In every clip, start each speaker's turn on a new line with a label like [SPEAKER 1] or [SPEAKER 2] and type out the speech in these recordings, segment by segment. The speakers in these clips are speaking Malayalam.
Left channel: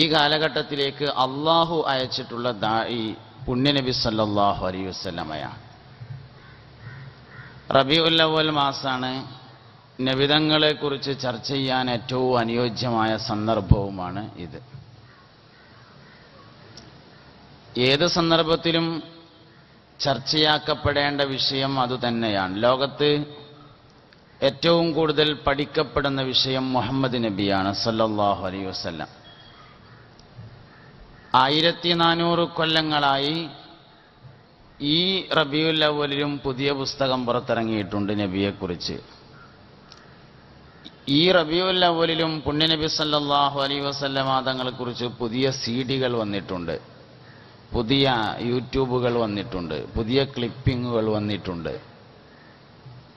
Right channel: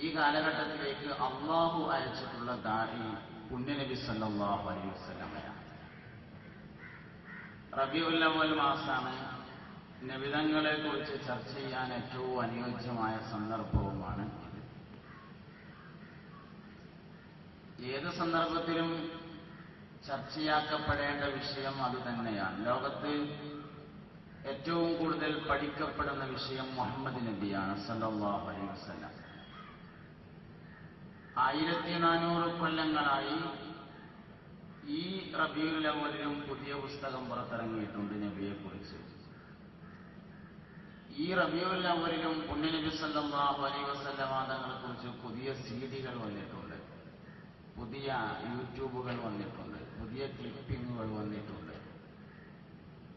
[SPEAKER 1] ഈ കാലഘട്ടത്തിലേക്ക് അള്ളാഹു അയച്ചിട്ടുള്ള ദായി പുണ്യനബി സല്ലല്ലാഹു അലൈഹി വസല്ലമയാണ്. റബിഉൽ അവൽ മാസാണ് നബിതങ്ങളെ കുറിച്ച് ചർച്ച ചെയ്യാൻ ഏറ്റവും അനുയോജ്യമായ സന്ദർഭവുമാണ് ഇത്. ഏത് സന്ദർഭത്തിലും ചർച്ചയാക്കപ്പെടേണ്ട വിഷയം അതുതന്നെയാണ് ലോകത്ത് ഏറ്റവും കൂടുതൽ പഠിക്കപ്പെടുന്ന വിഷയം മുഹമ്മദ് നബിയാണ് സല്ലാഹു അലൈ വസല്ലം. ആയിരത്തി നാനൂറ് കൊല്ലങ്ങളായി ഈ റബിയുൽ പുതിയ പുസ്തകം പുറത്തിറങ്ങിയിട്ടുണ്ട് നബിയെക്കുറിച്ച്. ഈ റബിയുൽ പുണ്യനബി അലൈഹി വസല്ലമ തങ്ങളെക്കുറിച്ച് പുതിയ സീഡികൾ വന്നിട്ടുണ്ട്. പുതിയ യൂട്യൂബുകൾ വന്നിട്ടുണ്ട്. പുതിയ ക്ലിപ്പിങ്ങുകൾ വന്നിട്ടുണ്ട്.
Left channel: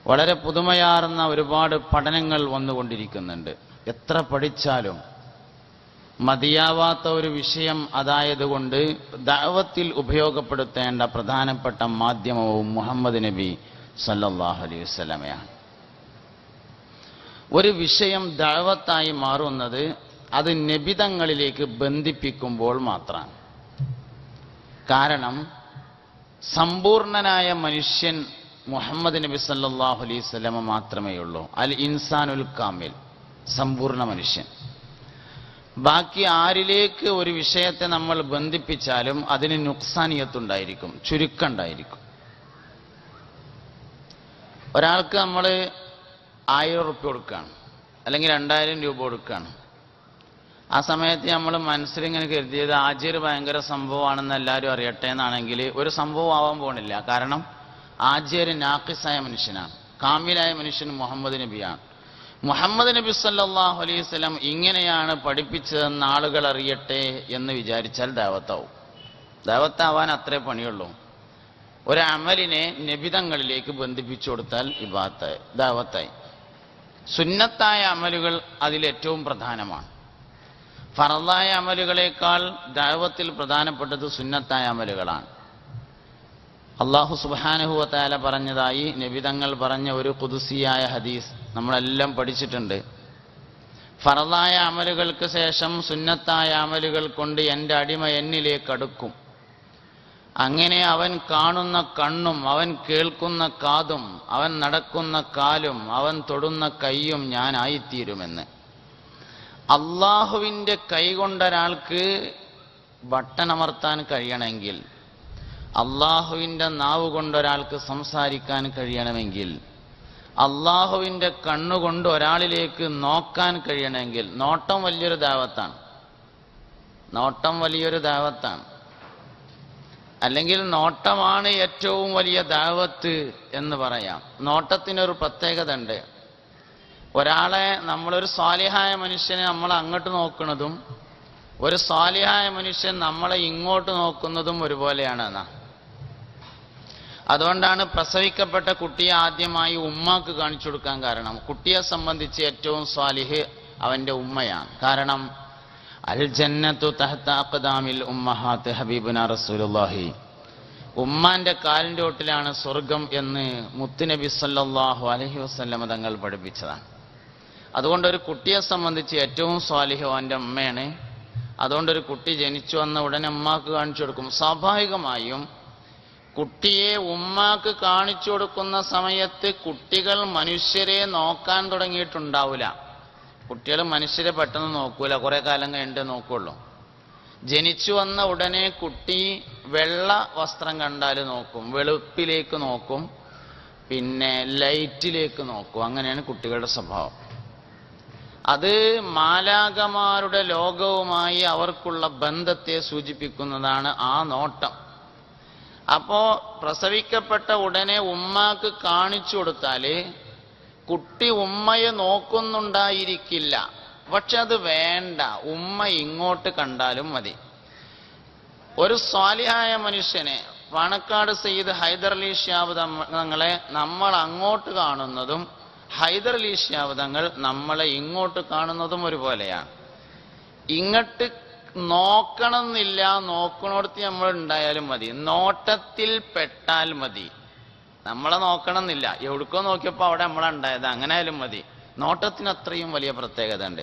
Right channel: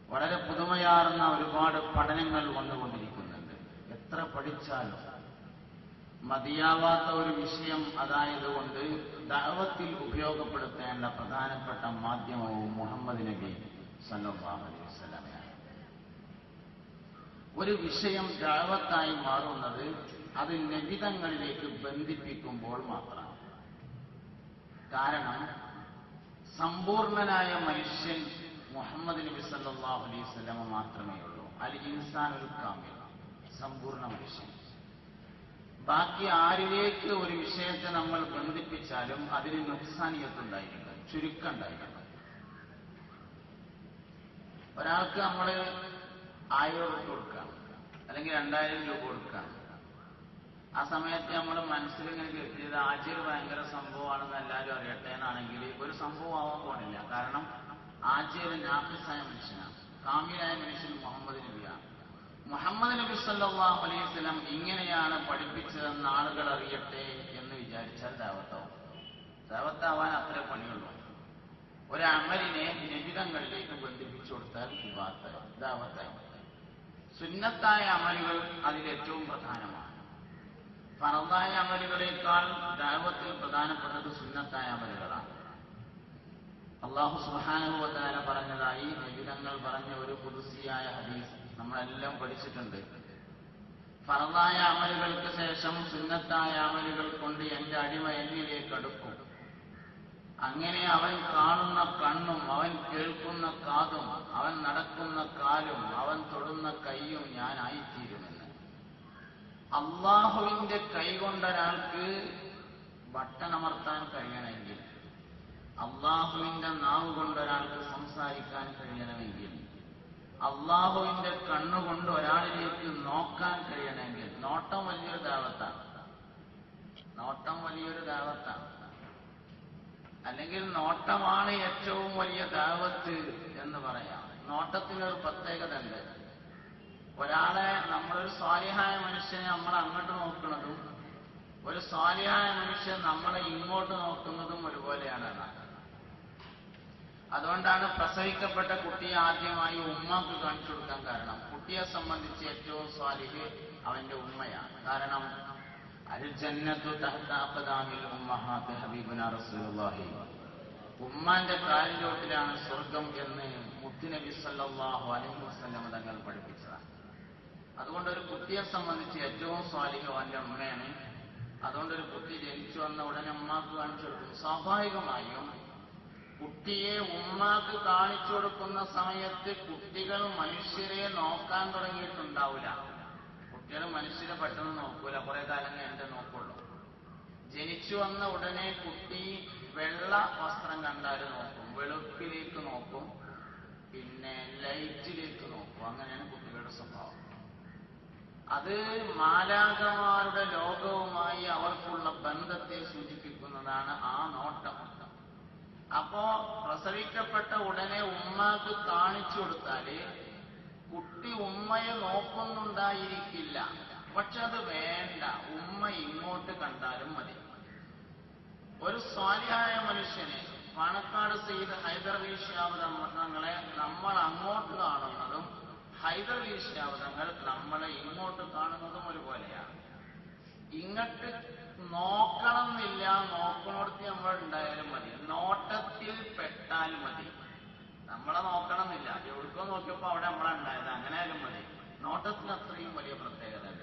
[SPEAKER 1] വളരെ പുതുമയാർന്ന ഒരുപാട് പഠനങ്ങൾ വന്നുകൊണ്ടിരിക്കുന്നുണ്ട്. എത്ര പഠിച്ചാലും മതിയാവാത്ത ഒരു വിഷയം അതായതുകൊണ്ട് ദാവത്തിൽ ഉപയോഗപ്പെടുത്തേണ്ട പ്രധാനപ്പെട്ട മാധ്യമവും മുഹമ്മദ് നബി സല്ലാഹു അലൈഹി വസല്ലമയാണ്. ഒരു വിഷയം ദാവത്തായി മാറുന്നത് അത് നബിതങ്ങളിലേക്ക് ബന്ധിപ്പിക്കുമ്പോൾ മാത്രമാണ്. കാരണം സമ്പൂർണനായ മനുഷ്യൻ മുഹമ്മദ് നബി സല്ലാഹു അലൈഹി വസല്ലമ മാത്രമേ ഉള്ളൂ അൽ ഇൻസാനുൽ കാമിൽ സമ്പൂർണ മനുഷ്യൻ. ബാക്കി ആരിലേക്ക് ഒരു വിഷയത്തെ നമ്മൾ ബന്ധിപ്പിച്ചാലും അതിന് നുക്സാനിയത്തുണ്ടായിരിക്കും ചുരുക്കണ്ടായിരിക്കും. ഒരാൾക്ക് നമ്മൾ ആയിരം ഉറുപ്പ് കൊടുക്കുകയാണ് അല്ലെങ്കിൽ രണ്ടായിരം രൂപ കൊടുക്കുകയാണ് ആ സമയത്ത് നമ്മൾ മനസ്സിൽ ഇങ്ങനെ കരുതിയത് ആജിർ ഭയങ്കര സംഭവമാണെന്ന് എല്ലാവരും അറിയട്ടെ എന്നാണെങ്കിൽ ഒരു സംഭവം ആവാൻ പോണില്ല. കാരണം ആജിർ നാക്കിസായ മനുഷ്യനാണ് കാമിലായ മനുഷ്യൻ മുഹമ്മദ് നബിയാണ്. മുഹമ്മദ് നബി സല്ലാഹു അലൈഹി വസല്ലം ഇങ്ങനെയാണ് പഠിപ്പിച്ചതെന്ന് ആളുകൾ അറിയട്ടെ എന്ന് വിചാരിച്ചാൽ ദാവത്താവും. ദാവത്താവാൻ അത്രേ പണിയുള്ളൂ. ഒരു അമലിനെ നിബിതങ്ങളിലേക്ക് ബന്ധിപ്പിച്ചു കൊടുത്താൽ ഇബാത്തായി ദാവത്തായി. സുന്നത്തായ അമലുകൾ അതിലേറ്റവും പ്രധാനമാണ്. ഫറദായ അമലുകളേക്കാൾ ദൈവത്തിൽ പ്രധാനപ്പെട്ടത് സുന്നത്തായ അമലുകളാണ്. അള്ളാഹു സുബാനുഹുവത്താല പറഞ്ഞതായി നബിതങ്ങൾ പറഞ്ഞ ഒരു കുതുസിയായ ഹദീസ് നമ്മളെല്ലാം പഠിച്ചിട്ടുണ്ട്. ഫറദായ അമലുകൾക്ക് ശേഷം സുന്നത്തായ അമലുകൾ കൊണ്ട് എന്റെ അടിമ എന്നിലേക്ക് അടുക്കും. അങ്ങനെ അവൻ കാണുന്ന കണ്ണും അവൻ കേൾക്കുന്ന കാതും അവൻ നടക്കുന്ന കാലും അവൻ തൊടുന്ന കൈയും ഞാനായിത്തീരുമെന്ന് അള്ളാഹുവിന്റെ കൈകൊണ്ടൊരാൾക്ക് ബട്ടണമർത്താൻ കഴിയണമെങ്കിൽ അള്ളാഹുവിന്റെ നാവ് കൊണ്ടൊരാൾക്ക് സംസാരിക്കാൻ കഴിയണമെങ്കിൽ അള്ളാഹുവിന്റെ കണ്ണുകൊണ്ട് ഒരാളിലേക്ക് നോക്കാൻ കഴിയണമെങ്കിൽ നോട്ടം വലിയൊരു ദാവത്താണ്. നോട്ടം വലിയൊരു ദാവത്താണ്. അല്ലെങ്കിൽ നോട്ടമാണ് ഏറ്റവും വലിയ ദാവത്ത് എന്ന് പറയാം. നോട്ടത്തിനൊരു പ്രത്യേകത ഉണ്ട് ഒരാളെ നമ്മളൊരു സ്വാലിഹായ മനുഷ്യനെ നമ്മൾ അങ്ങോട്ട് നോക്കുന്നതും ഒരു സ്വാലിഹായ മനുഷ്യൻ നമ്മളെ ഇങ്ങോട്ട് നോക്കുന്നതും ഒരുപോലെയാണ് എന്നാ അതുകൊണ്ടാണ് പ്രസവിക്കപ്പെട്ട കുട്ടിയെ ആദ്യമായി ഉമ്മാക്ക് കാണിച്ചു കൊടുക്കാൻ കാരണം. കുട്ടിയെ സംബന്ധിച്ച് ഏറ്റവും സ്വാലിഹ് അവന്റെ ഉമ്മയാണ്. കാരണം അൽ ജന്നത്തു ഉമ്മഹാത്ത് ഹബീബുന റസൂലുള്ളാഹി. ഉമ്മാന്റെ കാലിന്റെ ഒട്ടിലാണ് സ്വർഗം എന്ന് മുത്തുനബി സല്ലാഹു അലഹി വസല്ലമ തങ്ങൾ പഠിപ്പിച്ചതാണ്. അതുകൊണ്ട് ഒരു കുട്ടിയെ സംബന്ധിച്ച് ഏറ്റവും സ്വാലിഹോ അവന്റെ അമ്മയാണ് അതുകൊണ്ട് ഒരു കുട്ടി ജനിച്ചു വന്ന ഉടനെ ഉമ്മാക്ക് കാണിച്ചു കൊടുക്കും. സ്വാഭാവികമായും കുട്ടിയെ ഉമ്മാക്ക് കാണിച്ചു കൊടുക്കുന്ന സമയത്ത് കുട്ടികൾ മനുഷ്യരെ നോക്കാൻ തുടങ്ങിയിട്ടുണ്ടാവില്ല കുട്ടികൾ മനുഷ്യരെ പെട്ടെന്ന് നോക്കൂല. കുറെ കാലം കഴിഞ്ഞിട്ട് നോക്കുള്ളൂ. ജനിച്ചു വന്ന ഉടനെ കുട്ടി വെള്ള വസ്ത്രം കണ്ടാൽ നോക്കും. വെളുപ്പിലേക്ക് നോക്കും. പിന്നെ ലൈറ്റിലേക്ക് നോക്കും. അങ്ങനെയാണ് കുട്ടികളുടെ സ്വഭാവം. അത് മാലാകമാരുടെ ലോകവുമായി അവർക്കുള്ള ബന്ധത്തെ സൂചിപ്പിക്കുന്നതാണ് ആ നോട്ടം. അപ്പോ പ്രസവിക്കപ്പെട്ട ഉടനെ ഉമ്മാക്ക് കാണിച്ചു കൊടുത്താൽ കുട്ടി ഉമ്മയെ നോക്കുന്നുണ്ടായിരിക്കില്ല. പക്ഷെ അത് വേണ്ട. ഉമ്മ ഇങ്ങോട്ട് കണ്ടാലും മതി. ഒരു സ്വാലിഹായ മനുഷ്യനെ പാണക്കാട് സയ്യിദ് ഹൈദർ അലി തങ്ങളെ നമ്മൾ അങ്ങോട്ട് കാണുന്നതും ഹൈദർ അലി തങ്ങൾ നമ്മളെ ഇങ്ങോട്ട് കാണുന്നതും ഒരുപോലെയാണ്. ഇങ്ങോട്ട് നോക്കണമെന്നില്ല. നോക്കണോടത്ത് നമ്മൾ ഉണ്ടായാലും മതി. നോട്ടത്തിൽ പെട്ടാൽ മതി. നമ്മളെ നോക്കണമെന്നില്ല. എവിടേക്കോ നോക്കിയപ്പോൾ അവിടെ നമ്മളെ ഉണ്ടായത് അങ്ങനെ ആയാലും മതി. നോട്ടത്തിന് അത്രയും വലിയ പ്രത്യേകത ഉണ്ട്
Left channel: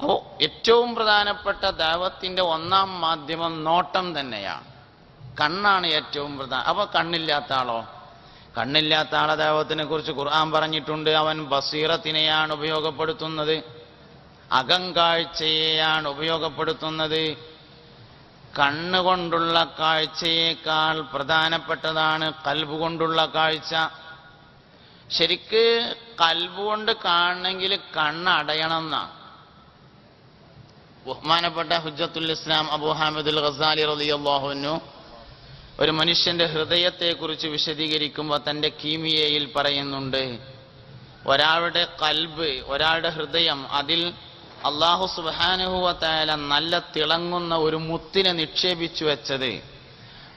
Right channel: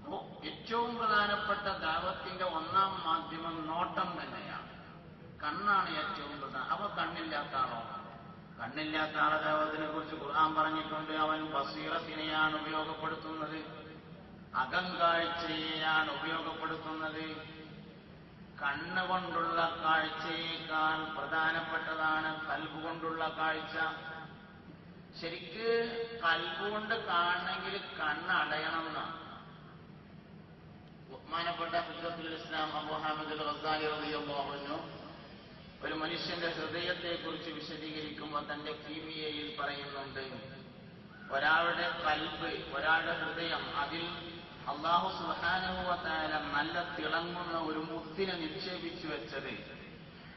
[SPEAKER 1] അപ്പോ ഏറ്റവും പ്രധാനപ്പെട്ട ദൈവത്തിന്റെ ഒന്നാം മാധ്യമം നോട്ടം തന്നെയാണ്. കണ്ണാണ് ഏറ്റവും പ്രധാന അപ്പൊ കണ്ണില്ലാത്ത ആളോ? കണ്ണില്ലാത്ത ആളെ ദൈവത്തിനെ കുറിച്ച് ഖുർആൻ പറഞ്ഞിട്ടുണ്ട്. അവൻ ബസീറത്തിനെയാണ് ഉപയോഗപ്പെടുത്തുന്നത്. അകങ്കാഴ്ചയെയാണ് ഉപയോഗപ്പെടുത്തുന്നത്. കണ്ണുകൊണ്ടുള്ള കാഴ്ചയേക്കാൾ പ്രധാനപ്പെട്ടതാണ് കൽബ് കൊണ്ടുള്ള കാഴ്ച. ശരിക്ക് കൽബ് കൊണ്ട് കാണണമെങ്കിൽ കണ്ണ് അടയണം എന്നാണ് ബഹുമാനപ്പെട്ട ഹുജത്തുൽ ഇസ്ലാം അബു ഹാമിദുൽ ഖസാലി റളിയല്ലാഹുവിനു ഒരു മനുഷ്യന്റെ ഹൃദയത്തെക്കുറിച്ച് വിശദീകരിക്കുമ്പോൾ തന്റെ കീമിയയിൽ പറയുന്നുണ്ട്. ഒരാളുടെ കൽബ് ഒരാളുടെ ഹൃദയം അതിൽ അള്ളാഹു സുബാനുഭവത്തായ നല്ല തിളങ്ങുന്ന ഒരു മുത്തിനെ നിക്ഷേപിച്ചു വെച്ചത്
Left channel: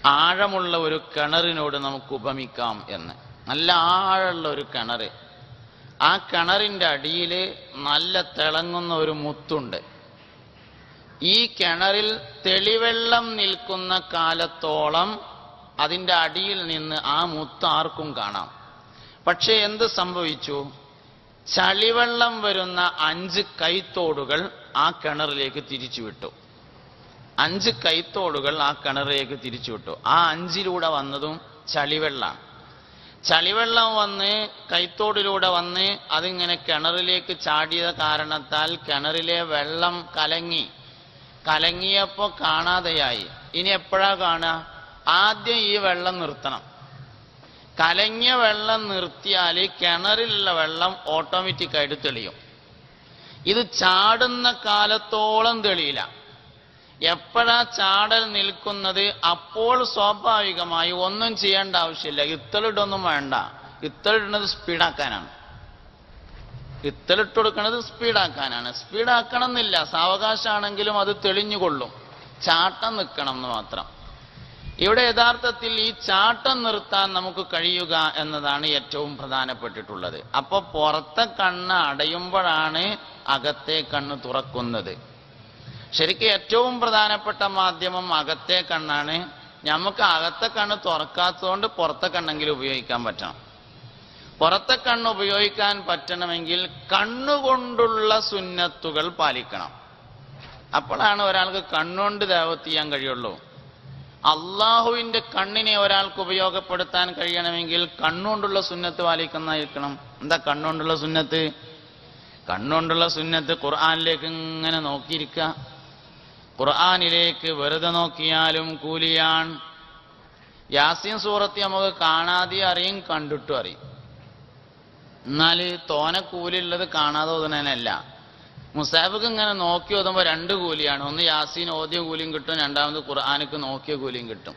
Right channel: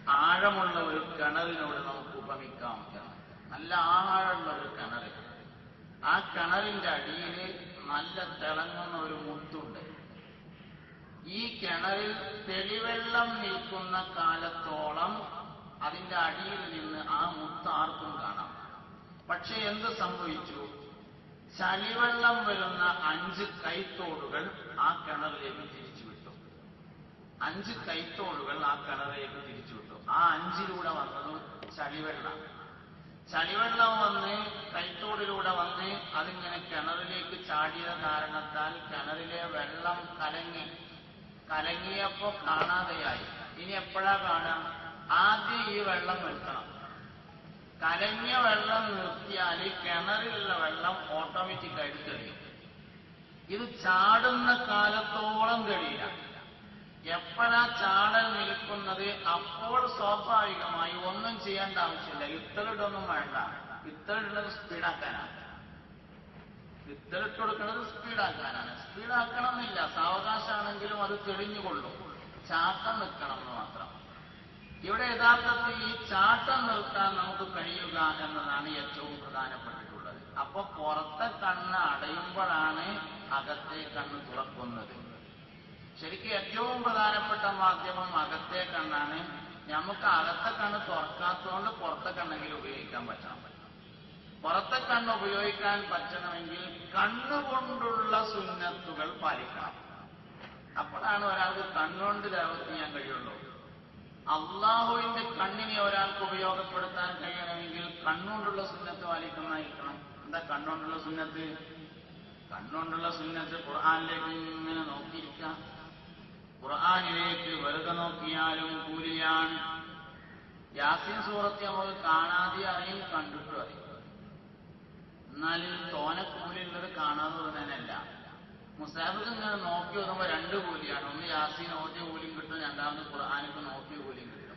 [SPEAKER 1] ആഴമുള്ള ഒരു കിണറിനോട് നമുക്ക് ഉപമിക്കാം എന്ന്. നല്ല ആഴമുള്ള ഒരു കിണർ ആ കിണറിന്റെ അടിയിൽ നല്ല തിളങ്ങുന്ന ഒരു മുത്തുണ്ട്. ഈ കിണറിൽ തെളിവെള്ളം നിൽക്കുന്ന കാലത്തോളം അതിന്റെ അടിയിൽ നിന്ന് ആ മുത്ത് ആർക്കും കാണാം. പക്ഷേ എന്ത് സംഭവിച്ചു? ചളിവെള്ളം വരുന്ന അഞ്ച് കൈത്തോടുകൾ ആ കിണറിലേക്ക് തിരിച്ചുവിട്ടു. അഞ്ച് കൈത്തോടുകൾ ആ കിണറിലേക്ക് തിരിച്ചുവിട്ടു. ആ അഞ്ചിലൂടെ വന്നതും ചളിവെള്ളം ചളിവെള്ളം വന്ന് കൈത്തോടിലൂടെ വന്ന് അതിങ്ങനെ കിണറിലേക്ക് ചാടിയ കാരണത്താൽ കിണറിലെ വെള്ളം കലങ്ങി. കലങ്ങിയപ്പോ കാണാതെയായി. ഇനി എപ്പോഴാ കാണുക? ആദ്യം ഈ വെള്ളം നിർത്തണം. കലങ്ങിയ വെള്ളം നിർത്തിയാൽ കിണറിലുള്ള വെള്ളം ഓട്ടോമാറ്റിക് ആയിട്ട് തെളിയും. ഇത് ചാടുന്ന കാലത്തോളം തെളിയില്ല. എപ്പോഴാ ചാടൽ നിൽക്കുന്നത്? അപ്പോൾ സ്വാഭാവികമായി ഒന്നും ചെയ്യേണ്ട ആവശ്യമില്ല. ഇത്തളിടൊന്നും വേണ്ട. ഇത്തളിടുന്നത് സ്പീഡാക്കാനാണ്. ഇത്തളിട്ട് കൊടുക്കുന്നത് സ്പീഡാക്കാനാണ്. സ്പീഡാക്കണം എന്നില്ല സാവകാശമാണെങ്കിലും അത് തെളിഞ്ഞുകൊള്ളും. ചാട്ടം നിൽക്കണം എന്ന് മാത്രം. ഇവിടെ യഥാർത്ഥത്തിൽ ഈ ചാട്ടം നിർത്താൻ നമുക്ക് കഴിയുക എന്നതാണ് ഏറ്റവും പ്രധാനപ്പെട്ടിട്ടുള്ളത്. അപ്പൊ പുറത്തെ കണ്ണ് അടയുമ്പോഴാണ് അകത്തെ കണ്ണ് തുറക്കുന്നത്. ശരിക്കും ഏറ്റവും പ്രധാനപ്പെട്ട മാധ്യമം അകത്തെ കണ്ണാണ്. നമുക്ക് അകത്തെ കണ്ണ് തുറക്കാത്തതുകൊണ്ട് പുറത്തെ കണ്ണെങ്കിലും ഉപയോഗിക്കാൻ പറ്റണം. പുറത്തെ കണ്ണ് ഉപയോഗിക്കാൻ പറ്റണമെങ്കിൽ കണ്ണുകൊണ്ടുള്ള സുന്നത്തുകൾ പാലിക്കണം. അപ്പോഴാണ് ഒരാൾക്ക് കണ്ണുകൊണ്ട് ദേവത്ത് ചെയ്യാൻ കഴിയുള്ളൂ. അള്ളാഹുവിന്റെ കണ്ണിനെ ഒരാൾക്ക് ഉപയോഗപ്പെടുത്താൻ കഴിയണമെങ്കിൽ കണ്ണുകൊണ്ടുള്ള സുന്നത്ത് പാലിക്കുന്നതായിരിക്കണം. എന്താ കണ്ണുകൊണ്ടുള്ള സുന്നത്ത്? കണ്ണുകൊണ്ടുള്ള സുന്നത്ത് ഖുർആാനിലേക്ക് ഇങ്ങനെ നോക്കിയിരിക്കുക. ഖുർആാനിലേക്ക് വെറുതെ നോക്കിയാലും കൂലിയാൻ യാസീൻ സൂറത്ത് നമുക്ക് കാണാതെ അറിയും കണ്ടിട്ടും അറിയും. എന്നാൽ തോനെ കൂലിയുള്ളത് കാണാതെ ഓതുന്നതിനല്ല മുസാഫിക്ക് ഇങ്ങനെ നോക്കി ഓതുമ്പോൾ രണ്ട് കൂലിയാണ്. ഒന്ന് യാസീൻ ഓദ്യ കൂലിയും കിട്ടും രണ്ടാമത് ഖുർആാനക്ക് നോക്കിയ കൂലിയും കിട്ടും.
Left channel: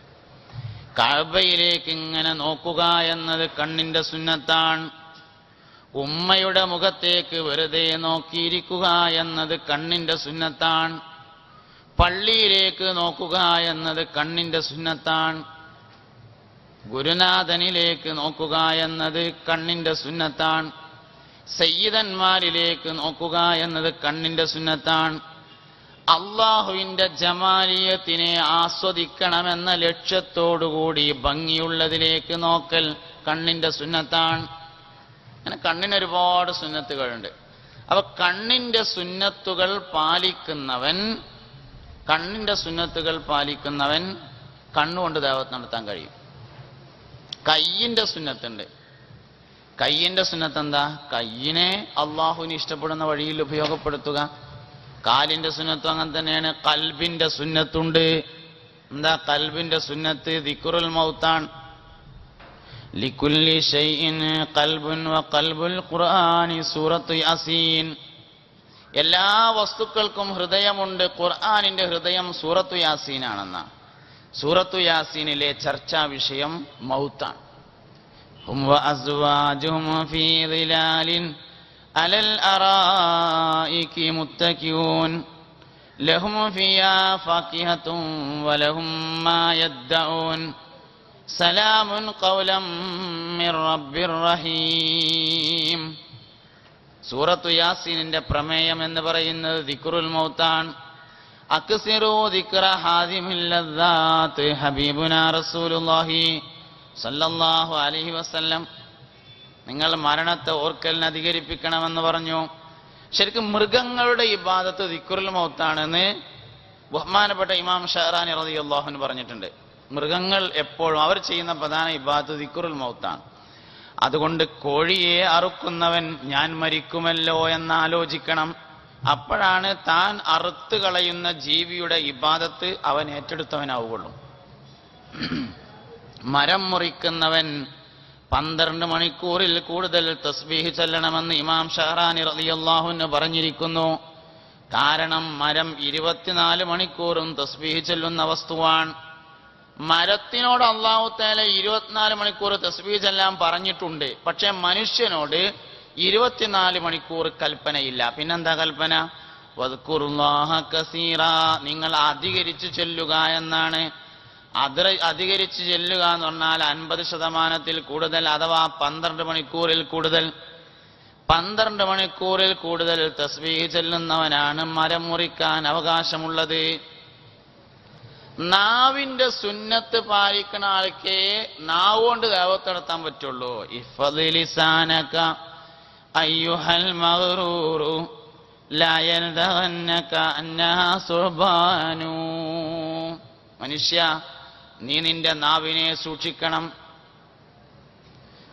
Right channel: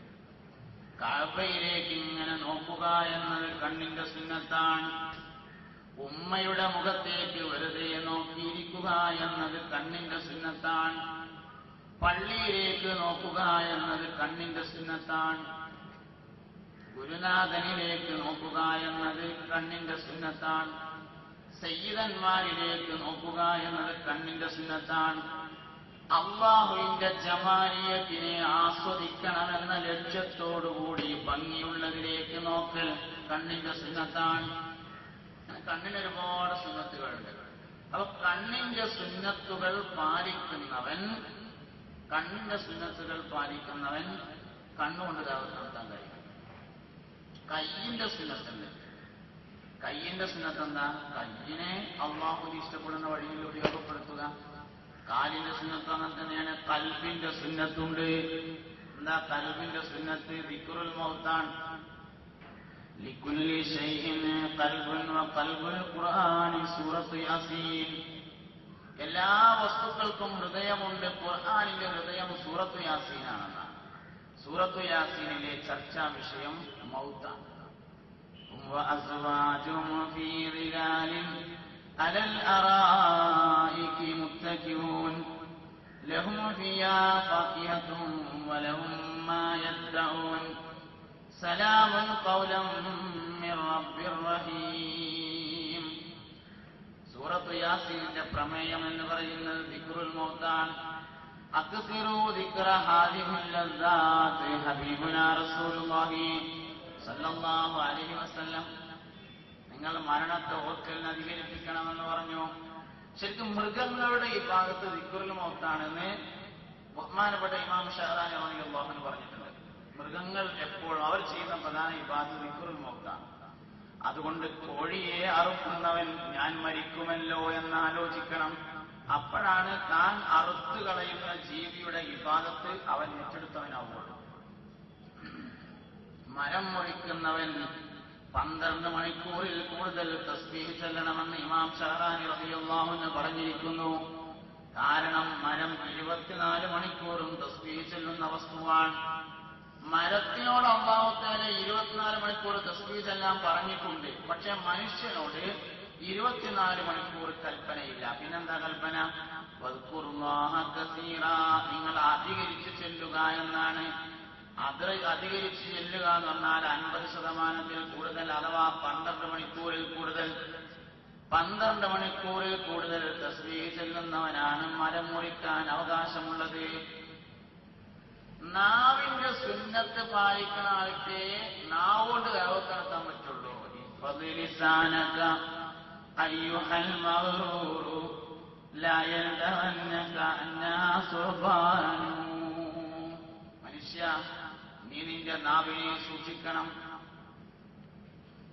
[SPEAKER 1] കഴബയിലേക്ക് ഇങ്ങനെ നോക്കുക എന്നത് കണ്ണിന്റെ സുന്നത്താണ്. ഉമ്മയുടെ മുഖത്തേക്ക് വെറുതെ നോക്കിയിരിക്കുക എന്നത് കണ്ണിന്റെ സുന്നത്താണ്. പള്ളിയിലേക്ക് നോക്കുക എന്നത് കണ്ണിന്റെ സുന്നത്താണ്. ഗുരുനാഥനിലേക്ക് നോക്കുക എന്നത് കണ്ണിന്റെ സുന്നത്താണ്. സയ്യിദന്മാരിലേക്ക് നോക്കുക എന്നത് കണ്ണിന്റെ സുന്നത്താണ്. അള്ളാഹുവിന്റെ ജമാലിയത്തിനെ ആസ്വദിക്കണമെന്ന ലക്ഷ്യത്തോടുകൂടി ഭംഗിയുള്ളതിലേക്ക് നോക്കൽ കണ്ണിന്റെ സുന്നത്താണ്. അങ്ങനെ കണ്ണിന് ഒരുപാട് സുന്നത്തുകളുണ്ട്. അപ്പൊ കണ്ണിന്റെ സുന്നത്തുകൾ പാലിക്കുന്നവൻ കണ്ണിന്റെ സുന്നത്തുകൾ പാലിക്കുന്നവൻ കണ്ണുകൊണ്ട് ദേവത്ത് നടത്താൻ കഴിയും. കയ്യിന്റെ സുന്നത്തുണ്ട്. കയ്യിന്റെ സുന്നത്ത് എന്താ കയ്യിനെ അള്ളാഹുവിന് ഇഷ്ടപ്പെടുന്ന വഴിയിൽ ഉപയോഗപ്പെടുത്തുക. കാലിന്റെ സുന്നത്തും അങ്ങനെ തന്നെയാണ്. കൽബിന്റെ സുന്നത്തുണ്ട്. എന്താ? കൽബിന്റെ സുന്നത്ത് ദിക്കുറുൽ മൗത്താണ്. ലിക്കുല്ലി ഷൈഇൻ കൽബുൻ വ ഖൽബുൽ ഖുർആനി സൂറത്തു യാസീൻ. എല്ലാ വസ്തുക്കൾക്കും ഹൃദയമുണ്ട്. ഖുർആാനിന്റെ ഹൃദയം സൂറത്തു യാസീനാണെന്നാണ്. സൂറത്തു യാസീനിലെ ചർച്ചാ വിഷയം മൗത്താണ്. ഹും വഅസ്വാജുഹും ഫീ ധിലാലിൻ അലൽ അറായികി മുത്തകിഊൻ ലഹും ഫിയാ ഫാകിഹത്തും വലഹും മാ യദ്ദഊൻ സലാമുൻ ഖൗലം മിർ റബ്ബിർ റഹീം സൂറത്തു യാസീനിന്റെ പ്രമേയം എന്ന് പറയുന്നത് ദിക്റുൽ മൗത്താണ്. അക്സിറു ദിക്റ ഹാദിമിൽ ലദ്ദാത്ത് ഹബീബുന റസൂലുള്ളാഹി സല്ലല്ലാഹു അലഹി വസ്ല്ലം നിങ്ങൾ മരണത്തെ ഓർക്കലിന് അധികരിപ്പിക്കണമെന്ന് പറഞ്ഞു. ശരിക്കും മൃഗങ്ങളുടെ ഈ ഭാഗത്ത് ദിക്കുറിൽ മൗത്താണെന്ന് ബഹുമാനപ്പെട്ട ഇമാം ഷഹറാനി റളിയല്ലാഹു പറഞ്ഞിട്ടുണ്ട്. മൃഗങ്ങൾ എപ്പോഴും അവർ ചെയ്യുന്ന പ്രധാന ഇബാദത്ത് ദിക്കുറുൽ മൗത്താണ്. അതുകൊണ്ട് കോഴിയെ അറുക്കുന്നവൻ ഞാൻ മരിക്കുമല്ലോ എന്ന് ആലോചിക്കണം അപ്പോഴാണ് താൻ അറുത്തു കളയുന്ന ജീവിയുടെ ഇബാദത്ത് അവൻ ഏറ്റെടുത്തവനാവുകയുള്ളൂ. മരം മുറിക്കുന്നവൻ പന്ത്രണ്ട് മണിക്കൂറിൽ കൂടുതൽ തസ്ബീഹ് ചെല്ലണമെന്ന് ഇമാം ഷഹറാനി റളിയല്ലാഹുവിന് പറഞ്ഞിരിക്കുന്നു. കാരണം മരം ഇരുപത്തിനാല് മണിക്കൂറും തസ്ബീഹ് ചെല്ലുന്ന വസ്തുവാണ്. മരത്തിനോട് അള്ളാഹു താല ഇരുപത്തിനാല് മണിക്കൂർ തസ്ബീഹ് ചെല്ലാൻ പറഞ്ഞിട്ടുണ്ട്. പക്ഷെ മനുഷ്യനോട് ഇരുപത്തിനാല് മണിക്കൂർ കൽപ്പനയില്ല. പിന്നെന്താ കൽപ്പന? നിങ്ങൾ അധികരിച്ചു ചെല്ലുക എന്നാണ്. അത് അധികരിച്ച് ചെല്ലുക എന്ന് പറഞ്ഞാൽ അൻപത് ശതമാനത്തിൽ കൂടുതൽ അഥവാ പന്ത്രണ്ട് മണിക്കൂറിൽ കൂടുതൽ. പന്ത്രണ്ട് മണിക്കൂറിൽ കൂടുതൽ തസ്ബീഹ് ചെല്ലുന്നവനാണ് മരം മുറിക്കാൻ അവകാശമുള്ളത്. നാവിന്റെ സുന്നത്ത് പാലിക്കുന്ന ആൾക്കേ നാവ് കൊണ്ട് ദൈവത്ത് നടത്താൻ പറ്റുള്ളൂ. ഇഫലിസാനക അയ്യുഹൽ മഗ്റൂറു ലാ യൽദഗന്നക അന്നാസുബാനു മനുഷ്യ നീ നിന്റെ നാവിനെ സൂക്ഷിക്കണം.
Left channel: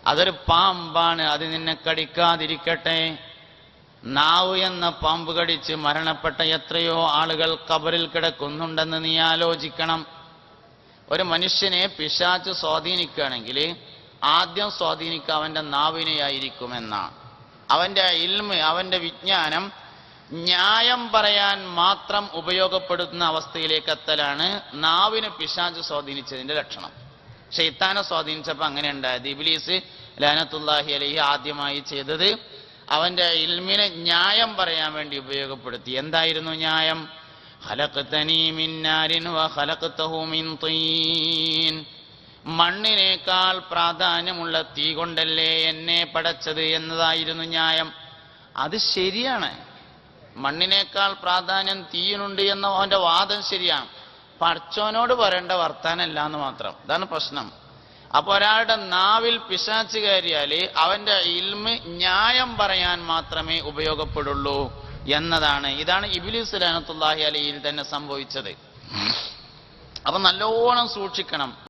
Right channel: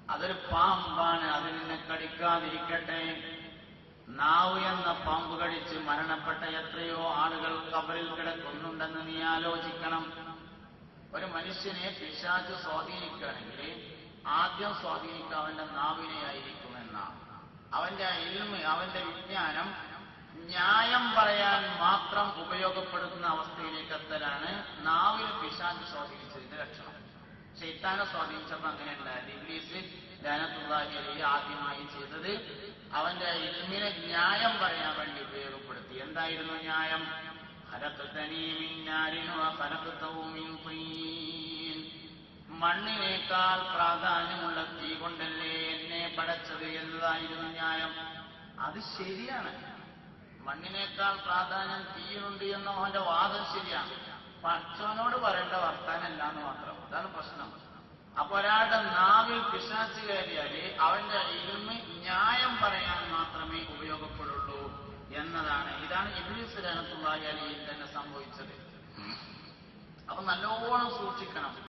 [SPEAKER 1] അതൊരു പാമ്പാണ് അത് നിന്നെ കടിക്കാതിരിക്കട്ടെ. നാവ് എന്ന പാമ്പ് കടിച്ച് മരണപ്പെട്ട എത്രയോ ആളുകൾ കബറിൽ കിടക്കുന്നുണ്ടെന്ന് നീ ആലോചിക്കണം. ഒരു മനുഷ്യനെ പിശാച്ച് സ്വാധീനിക്കുകയാണെങ്കിൽ ആദ്യം സ്വാധീനിക്കുക അവന്റെ നാവിനെയായിരിക്കുമെന്നാണ്. അവന്റെ ഇൽമ് അവന്റെ വിജ്ഞാനം ന്യായം പറയാൻ മാത്രം ഉപയോഗപ്പെടുത്തുന്ന അവസ്ഥയിലേക്ക് എത്തലാണ് നാവിന് പിശാച്ച് സ്വാധീനിച്ചതിന്റെ ലക്ഷണം. ഷെയ്ത്താനെ സ്വാധീനിച്ചപ്പോൾ അങ്ങനെ ഉണ്ടായത് ഇബിലീസ് ലാനത്തുല്ലാഹി അലഹി ആദ്യമായി ചെയ്തത് അവന്റെ ഇൽമിനെ ന്യായം പറയാൻ വേണ്ടി ഉപയോഗപ്പെടുത്തി. എന്തായിരുന്നു ന്യായം? മണ്ണിനേക്കാൾ പ്രാധാന്യമുള്ള തീ കൊണ്ടല്ലേ എന്നെ പടച്ചത് എന്നതായിരുന്നു ന്യായം. അത് ശരിയാണ്. മണ്ണിനേക്കാൾ പ്രാധാന്യം തീയിനുണ്ട് എന്ന അവന്റെ വാദം ശരിയാണ്. പഠിച്ചവനോട് പറയേണ്ട വർത്താനല്ല എന്ന് മാത്രം. ഇതാണ് പ്രശ്നം. അപ്പൊ ഒരാളുടെ നാവിൽ പിശാച്ച് കയറിയാൽ അവന്റെ ഇൽമ് ന്യായം പറയാൻ മാത്രമേ ഉപയോഗപ്പെടുള്ളൂ എന്നതാണ്. ഇതാണ് ഇബിലിസ് ലാനത്തുല്ലാഹി അലയിൽ തന്നെ സംഭവിച്ചത്. അപ്പൊ നല്ലോണം സൂക്ഷിക്കണം.